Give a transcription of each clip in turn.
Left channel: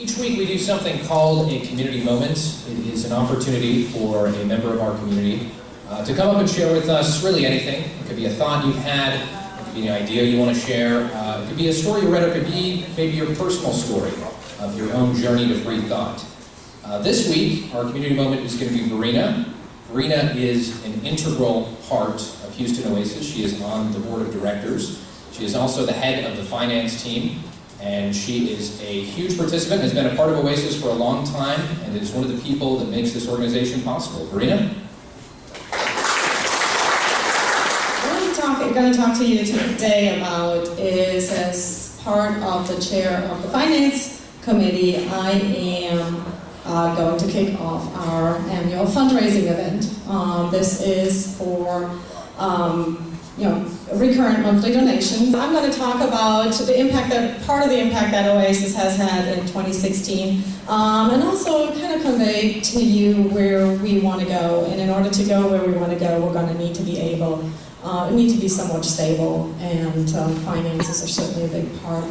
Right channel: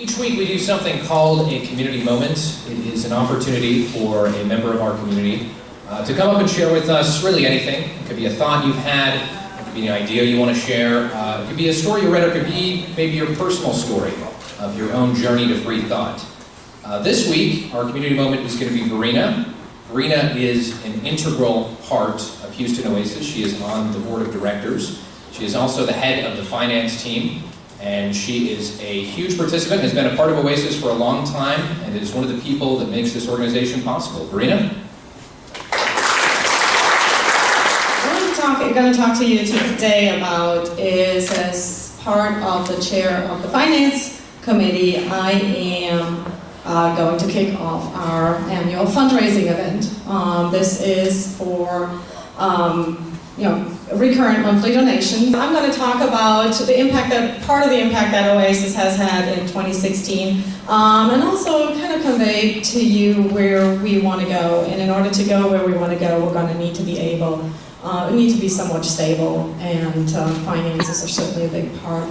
Each week we do something called a community moment. It is an opportunity for a member of our community to come up and share with us really anything. It could be a thought you've had, it could be an idea you want to share, it could be a story you read, or it could be maybe your personal story of your own journey to free thought. This week, our community moment is going to be Verena. Verena is an integral part of Houston Oasis. She is on the board of directors. She is also the head of the finance team, and she is a huge participant, has been a part of Oasis for a long time, and is one of the people that makes this organization possible. Verena? What I'm going to talk to you today about is, as part of the chair of the finance committee, I am going to kick off our annual fundraising event. This is for recurrent monthly donations. I'm going to talk about part of the impact that Oasis has had in 2016, and also kind of convey to you where we want to go. And in order to go where we want to go, we're going to need to be somewhat stable, and finances are certainly a big part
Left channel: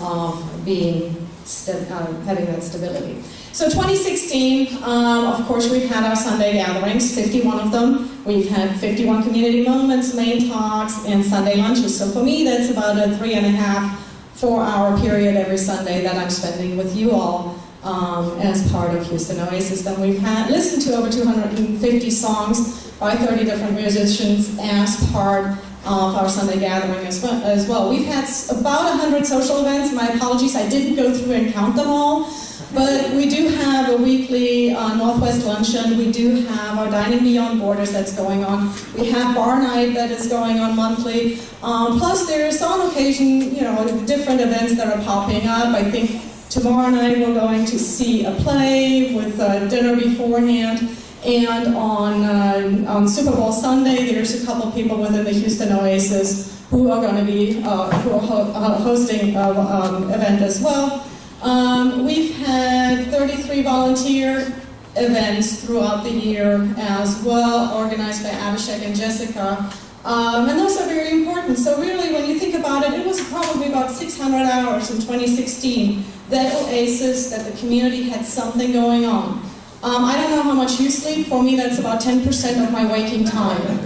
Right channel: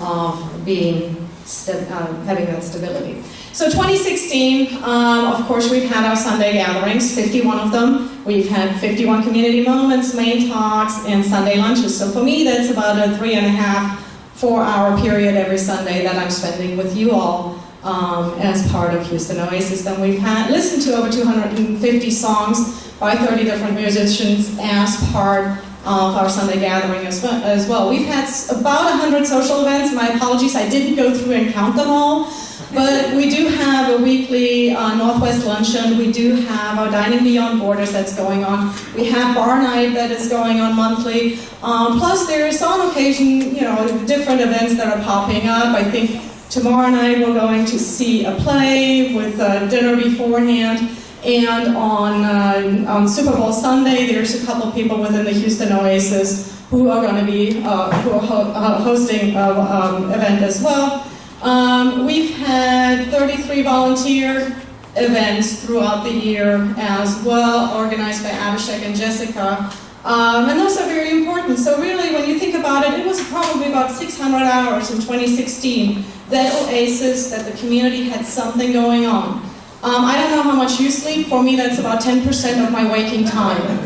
of having that stability. So 2016, of course, we've had our Sunday gatherings, 51 of them. We've had 51 community moments, main talks, and Sunday lunches. So for me, that's about a 3.5, 4-hour period every Sunday that I'm spending with you all as part of Houston Oasis. Then we've listened to over 250 songs by 30 different musicians as part of our Sunday gathering as well. We've had about 100 social events. My apologies, I didn't go through and count them all. But we do have a weekly Northwest Luncheon. We do have our Dining Beyond Borders that's going on. We have Bar Night that is going on monthly. Plus there's on occasion, different events that are popping up. I think tomorrow night we're going to see a play with dinner beforehand. And on Super Bowl Sunday, there's a couple people within the Houston Oasis who are going to be hosting an event as well. We've had 33 volunteer events throughout the year as well, organized by Abhishek and Jessica. And those are very important. So really, when you think about it, it was probably about 600 hours in 2016 that Oasis, that the community had something going on. I don't know how much you sleep. For me, that's about 10% of my waking time.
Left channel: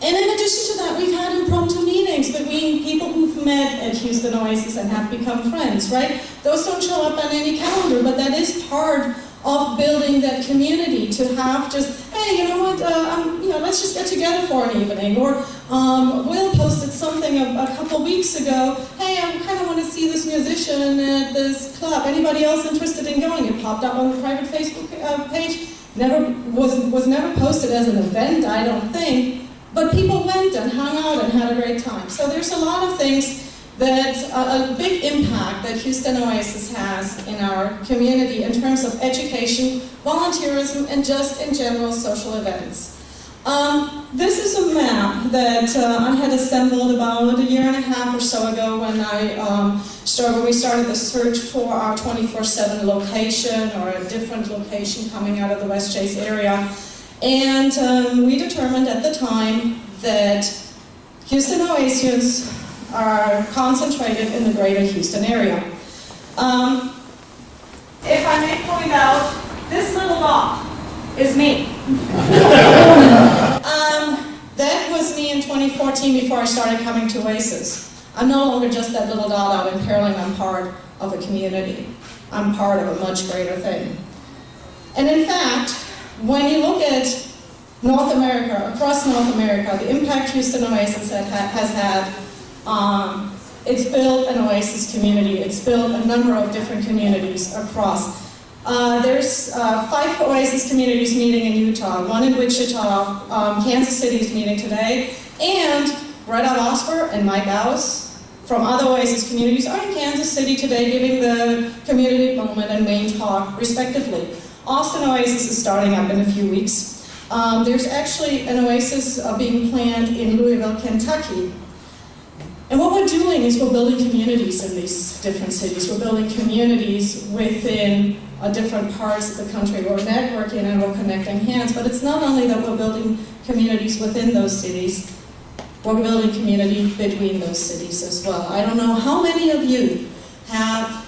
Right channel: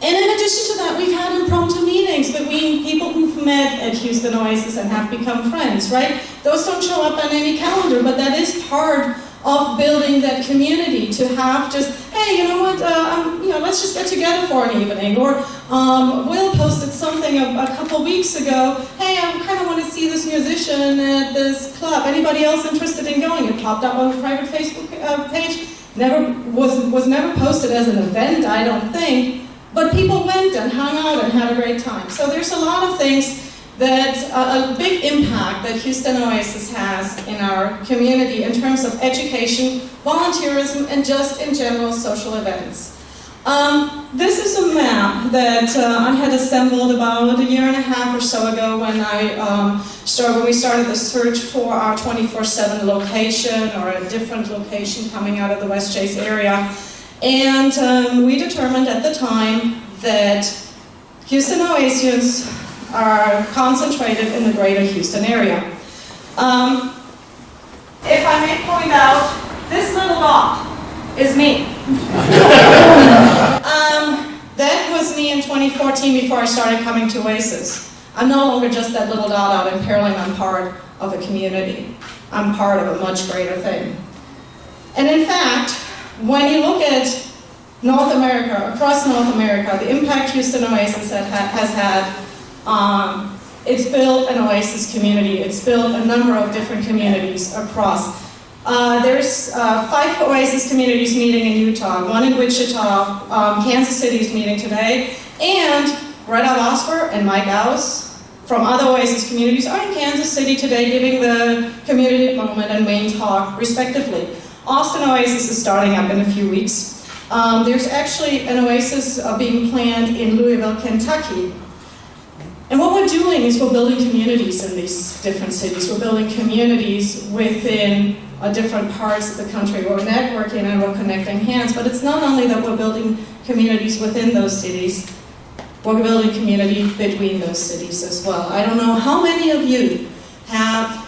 And in addition to that, we've had impromptu meetings between people who've met at Houston Oasis and have become friends, right? Those don't show up on any calendar, but that is part of building that community, to have just, hey, you know what, let's just get together for an evening. Or Will posted something a couple weeks ago, hey, I kind of want to see this musician at this club. Anybody else interested in going? It popped up on the private Facebook page. Was never posted as an event, I don't think. But people went and hung out and had a great time. So there's a lot of things that a big impact that Houston Oasis has in our community in terms of education, volunteerism, and just in general social events. This is a map that I had assembled about 1.5 years or so ago when we started the search for our 24/7 location, or a different location coming out of the West Chase area. And we determined at the time that Houston Oasis are concentrated in the greater Houston area. If I may point out, this little dot is me. That was me in 2014 before I started coming to Oasis. I'm no longer just that little dot out in Pearland. I'm part of a community. I'm part of a much greater thing. And in fact, when you look at North America, across North America, the impact Houston Oasis has had, it's built an Oasis community. It's built a number of different communities across. There's 5 Oasis communities meeting in Utah, 1 in Wichita, Kansas City is meeting today, and Greta Losper and Mike Aus from other Oasis communities are in Kansas City today giving the community moment and main talk, respectively. Austin Oasis is starting up in a few weeks. There's actually an Oasis being planned in Louisville, Kentucky. And what we're doing is we're building communities in these different cities. We're building communities within different parts of the country. We're networking and we're connecting hands, but it's not only that we're building communities within those cities, we're building community between those cities as well. I don't know how many of you have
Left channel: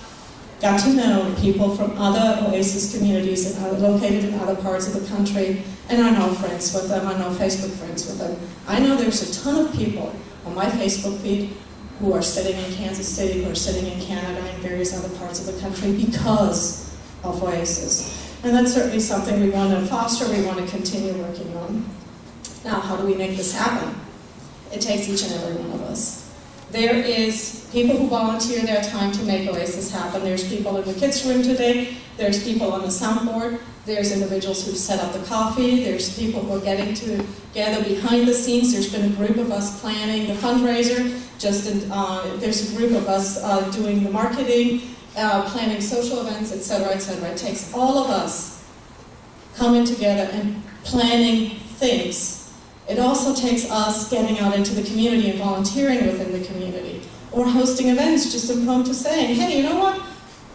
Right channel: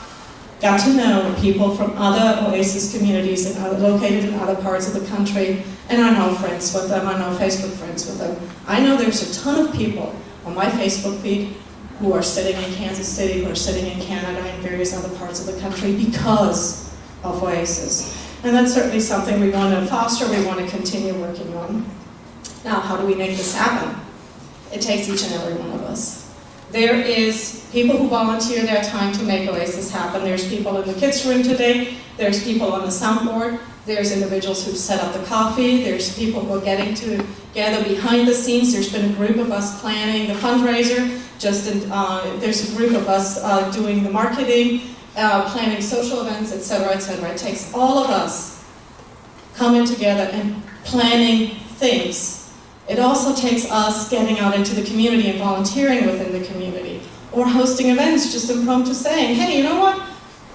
got to know people from other Oasis communities located in other parts of the country, and are now friends with them, are now Facebook friends with them. I know there's a ton of people on my Facebook feed who are sitting in Kansas City, who are sitting in Canada, and various other parts of the country because of Oasis. And that's certainly something we want to foster, we want to continue working on. Now, how do we make this happen? It takes each and every one of us. There is people who volunteer their time to make Oasis happen. There's people in the kids' room today. There's people on the soundboard. There's individuals who've set up the coffee. There's people who are getting together behind the scenes. There's been a group of us planning the fundraiser. There's a group of us doing the marketing, planning social events, etc., etc. It takes all of us coming together and planning things. It also takes us getting out into the community and volunteering within the community, or hosting events, just impromptu saying, hey, you know what?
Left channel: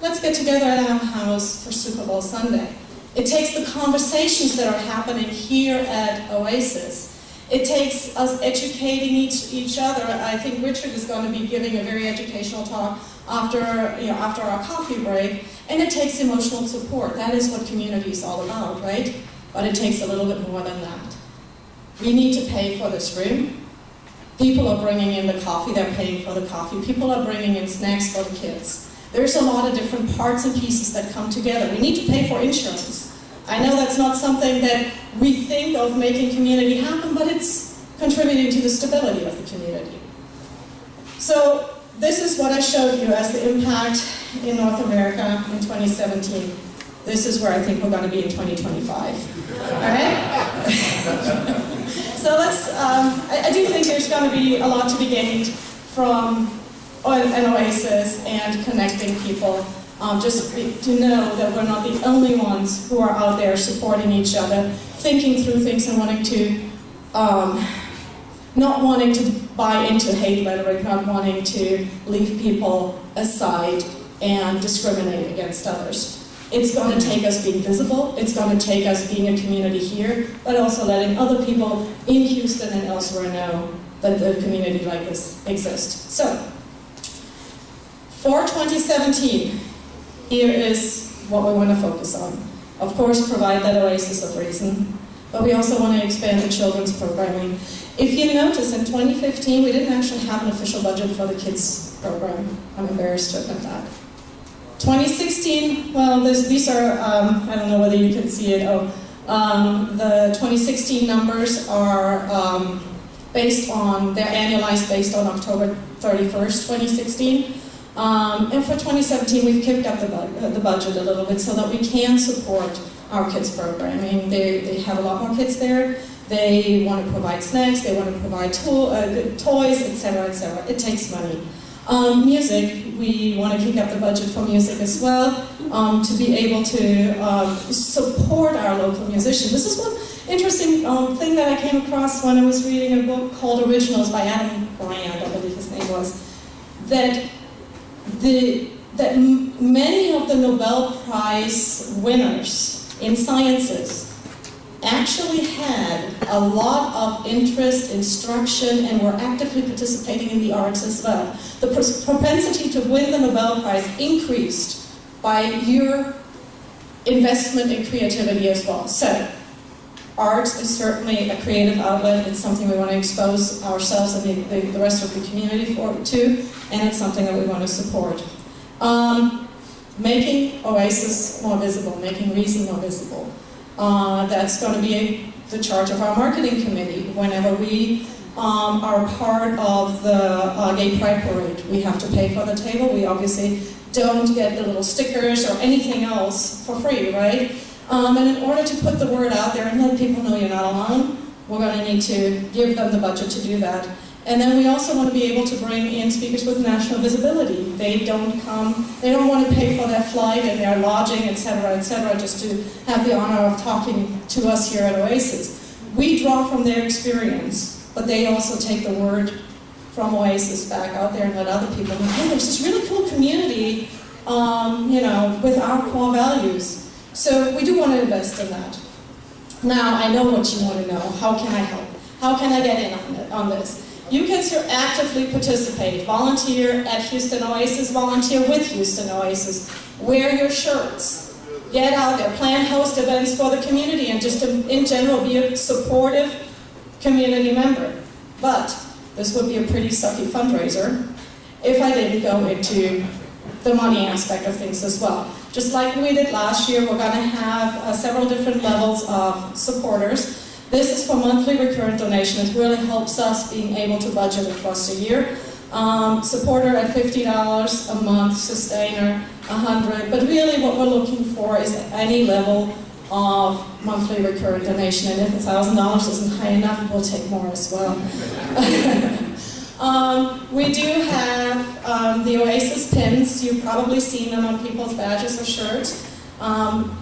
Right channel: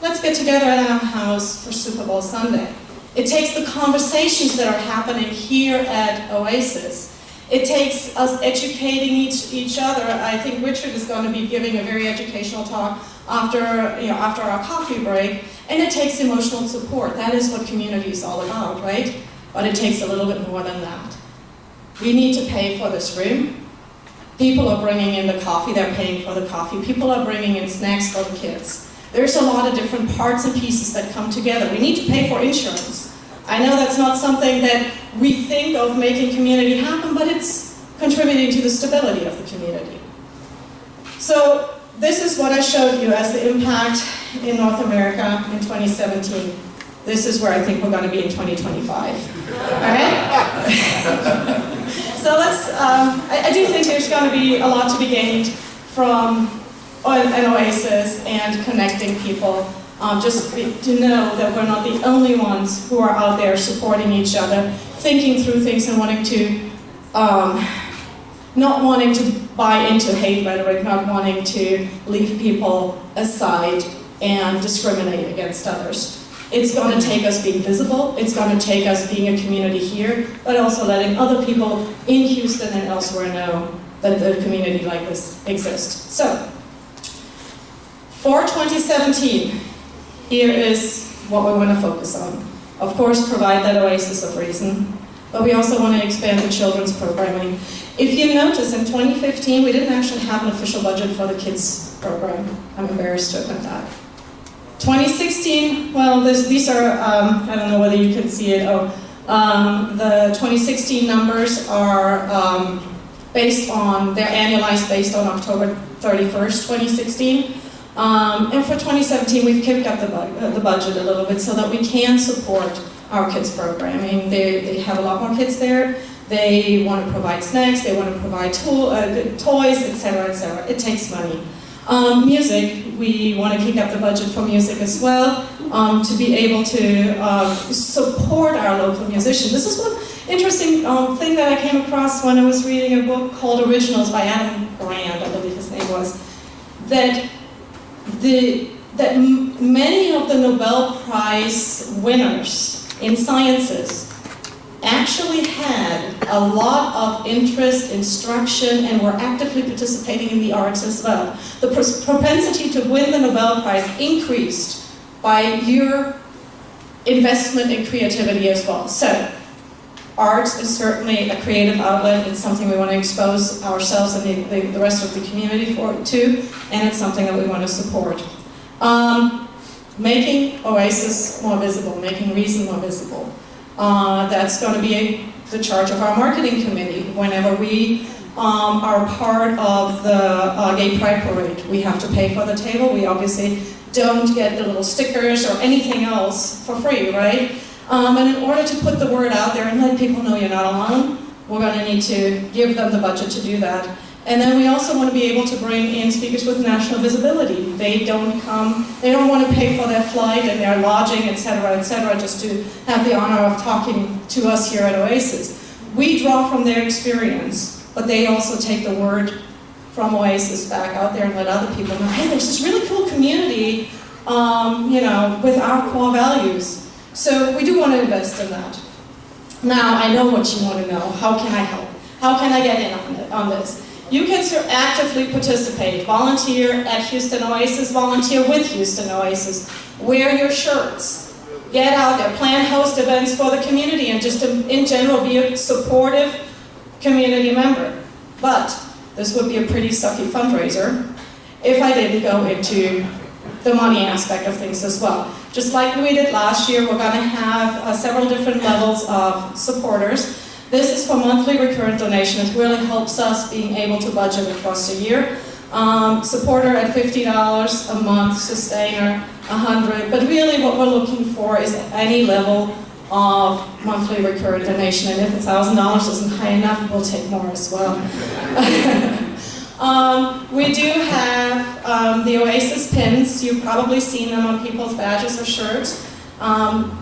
Let's get together at our house for Super Bowl Sunday. It takes the conversations that are happening here at Oasis. It takes us educating each other. I think Richard is going to be giving a very educational talk after our coffee break. And it takes emotional support. That is what community is all about, right? But it takes a little bit more than that. We need to pay for this room. People are bringing in the coffee, they're paying for the coffee. People are bringing in snacks for the kids. There's a lot of different parts and pieces that come together. We need to pay for insurance. I know that's not something that we think of making community happen, but it's contributing to the stability of the community. So this is what I showed you as the impact in North America in 2017. This is where I think we're going to be in 2025. All right? So I do think there's going to be a lot to be gained from an Oasis and connecting people. Just to know that we're not the only ones who are out there supporting each other, thinking through things and not wanting to buy into hate rhetoric, not wanting to leave people aside and discriminate against others. It's going to take us being visible, it's going to take us being a community here, but also letting other people in Houston and elsewhere know that the community like this exists. So, for 2017, here is what we want to focus on. Of course, provide that oasis of reason, but we also want to expand the children's programming. If you notice, in 2015, we didn't actually have an official budget for the kids program. I'm embarrassed to admit that. 2016, well, these are, I don't know whether you can see it. The 2016 numbers are based on, they're annualized based on October 31st, 2016. And for 2017, we've kicked up the budget a little bit so that we can support our kids' programming. They have a lot more kids there. They want to provide snacks, they want to provide toys, etc., etc. It takes money. Music, we want to kick up the budget for music as well, to be able to support our local musicians. This is one interesting thing that I came across when I was reading a book called Originals by Adam Grant, I believe his name was, that many of the Nobel Prize winners in sciences actually had a lot of interest, instruction, and were actively participating in the arts as well. The propensity to win the Nobel Prize increased by your investment in creativity as well. So, arts is certainly a creative outlet. It's something we want to expose ourselves and the rest of the community to, and it's something that we want to support. Making Oasis more visible, making Reason more visible. That's going to be the charge of our marketing committee. Whenever we are part of the Gay Pride Parade, we have to pay for the table. We obviously don't get the little stickers or anything else for free, right? And in order to put the word out there and let people know you're not alone, we're going to need to give them the budget to do that. And then we also want to be able to bring in speakers with national visibility. They don't want to pay for their flight and their lodging, etc., just to have the honor of talking to us here at Oasis. We draw from their experience, but they also take the word from Oasis back out there and let other people know, hey, there's this really cool community, with our core values. So we do want to invest in that. Now, I know what you want to know. How can I help? How can I get in on this? You can actively participate, volunteer at Houston Oasis, volunteer with Houston Oasis, wear your shirts, get out there, plan host events for the community, and just in general be a supportive community member. But this would be a pretty sucky fundraiser if I didn't go into the money aspect of things as well. Just like we did last year, we're going to have several different levels of supporters. This is for monthly recurrent donation. It really helps us being able to budget across the year. Supporter at $50 a month, sustainer $100. But really what we're looking for is any level of monthly recurrent donation. And if $1,000 isn't high enough, we'll take more as well. We do have the Oasis pins. You've probably seen them on people's badges or shirts.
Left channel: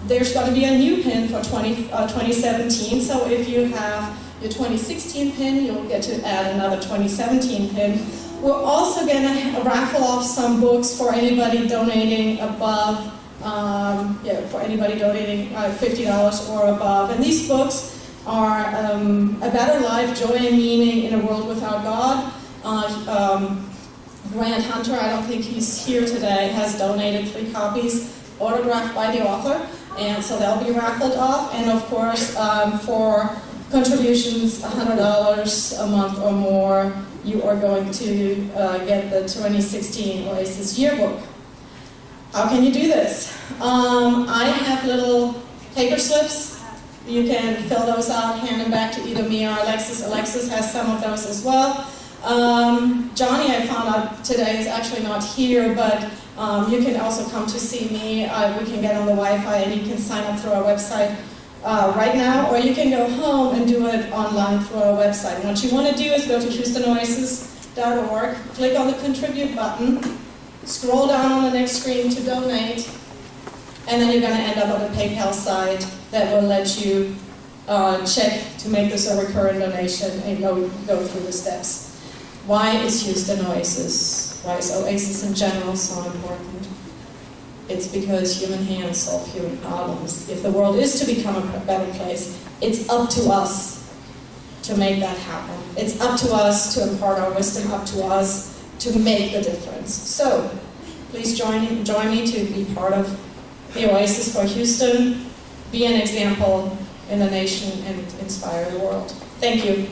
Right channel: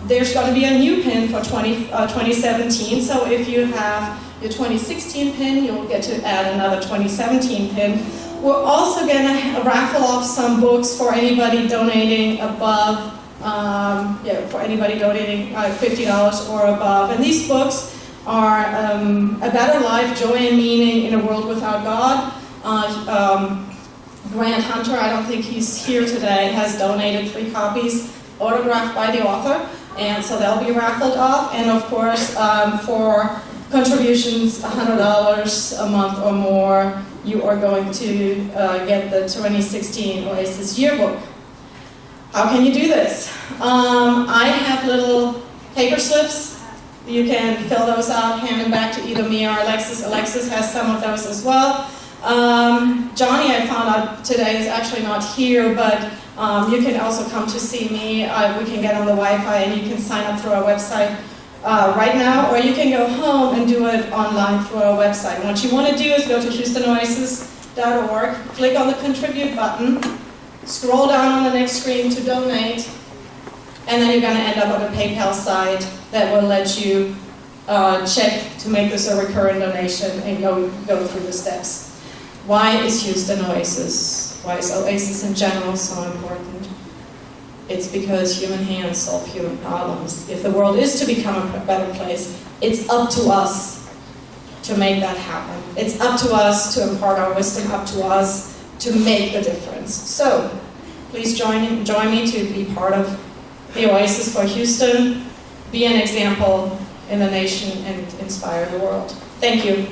There's going to be a new pin for 2017, so if you have your 2016 pin, you'll get to add another 2017 pin. We're also going to raffle off some books for anybody donating above, for anybody donating $50 or above. And these books are A Better Life, Joy and Meaning in a World Without God. Grant Hunter, I don't think he's here today, has donated 3 copies, autographed by the author, and so they'll be raffled off. And of course, for contributions $100 a month or more, you are going to get the 2016 Oasis yearbook. How can you do this? I have little paper slips. You can fill those out, hand them back to either me or Alexis. Alexis has some of those as well. Johnny, I found out today, is actually not here, but you can also come to see me. We can get on the Wi-Fi and you can sign up through our website right now, or you can go home and do it online through our website. And what you want to do is go to HoustonOasis.org, click on the Contribute button, scroll down on the next screen to donate, and then you're going to end up on a PayPal site that will let you check to make this a recurring donation and go through the steps. Why is Houston Oasis? Why is Oasis in general so important? It's because human hands solve human problems. If the world is to become a better place, it's up to us to make that happen. It's up to us to impart our wisdom, up to us to make the difference. So, please join me to be part of the Oasis for Houston, be an example in the nation, and inspire the world. Thank you.